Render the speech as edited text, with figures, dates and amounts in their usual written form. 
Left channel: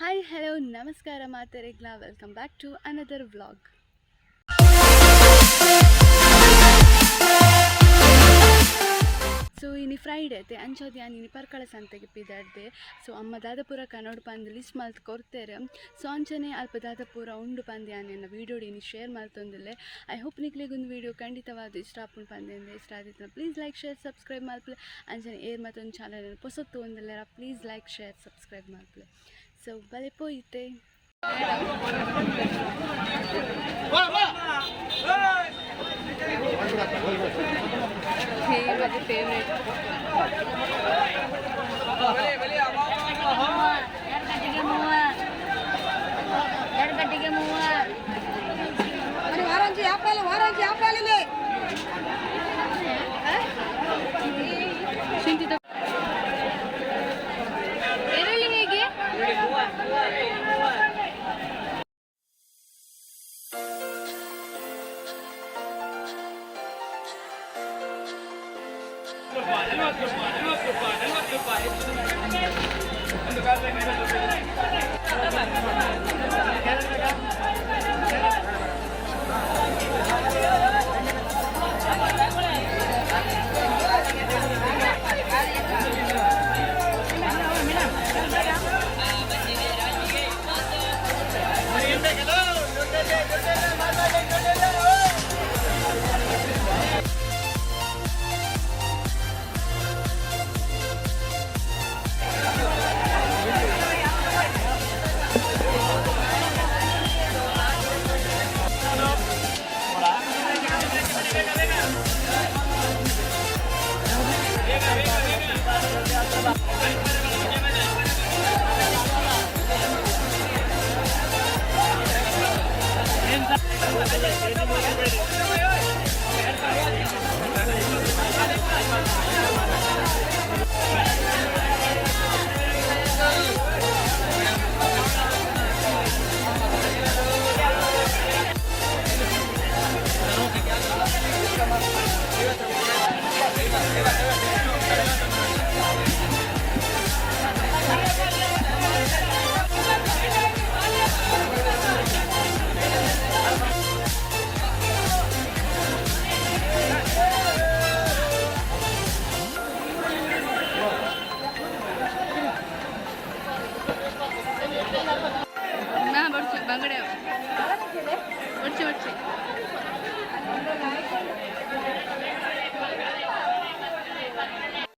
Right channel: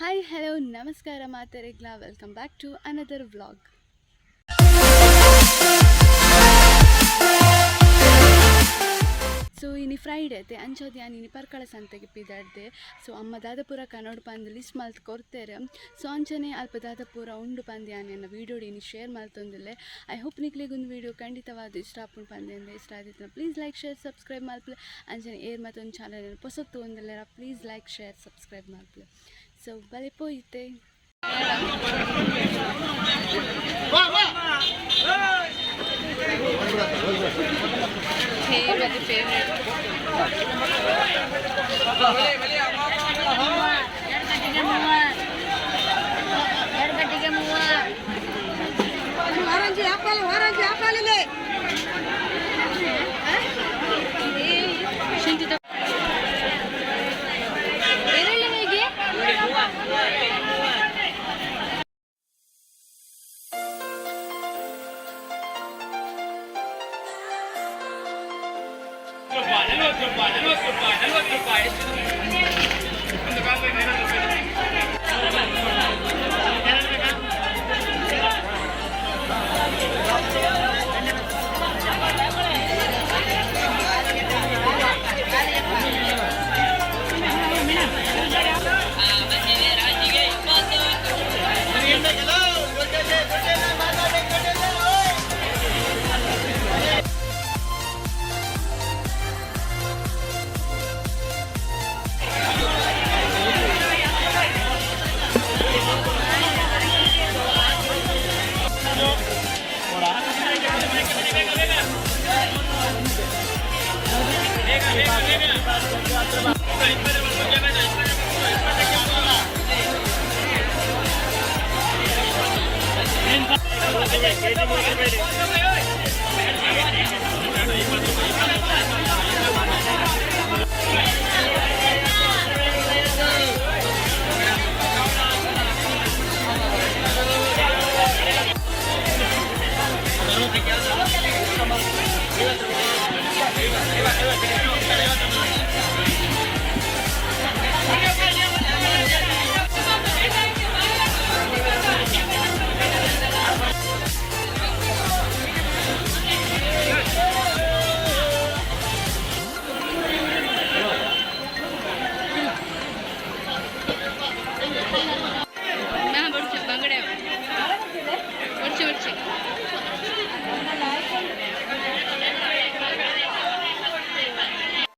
Hi hello ನಮಸ್ಕಾರ ಮಾತರಿಗ್ಲ welcome back to another vlog. So ಇನಿ ಫ್ರೈಡೇ ಐತೆ ಅಂಚೋದು ನಾನು ಇನಿ ಪರ್ಕಳ ಸಂತೆಗೆ ಪಿದಾಡ್ದೆ. ಸೊ ಅಮ್ಮ ದಾದಪುರ ಕನ್ನಡ ಪಂದು ಲಿಸ್ಟ್ ಮಲ್ತ್ ಕೊಡ್ತೇರೆ. ಸೊ ಅಂಚನೆ ಅಲ್ಪ ದಾದಪುರ ಉಂಡು ಪಂದು ನಾನು ವೀಡಿಯೋ ಇನಿ ಶೇರ್ ಮಲ್ತೊಂದಿಲ್ಲೆ. ಐ ಹೋಪ್ ನಿಕ್ಲಿಗೊಂದು ವೀಡಿಯೋ ಖಂಡಿತವಾದ ಇಷ್ಟ ಆಪುಂಡು ಪಂದೆ ಇಷ್ಟ ಆದಿತ್ತು ಪ್ಲೀಸ್ ಲೈಕ್ ಶೇರ್ ಸಬ್ಸ್ಕ್ರೈಬ್ ಮಲ್ಪಲೆ. ಅಂಚನೆ ಏರ್ ಮತ್ತೊಂದು ಚಾನಲ್ ಹೊಸತ್ತು ಒಂದಿಲ್ಲ ಪ್ಲೀಸ್ ಲೈಕ್ ಶೇರ್ ಸಬ್ಸ್ಕ್ರೈಬ್ ಮಲ್ಪಲೆ. ಸೊ ಬಲೆ ಪೋಯಿತೆ ಫೇವ್ರೇಟ್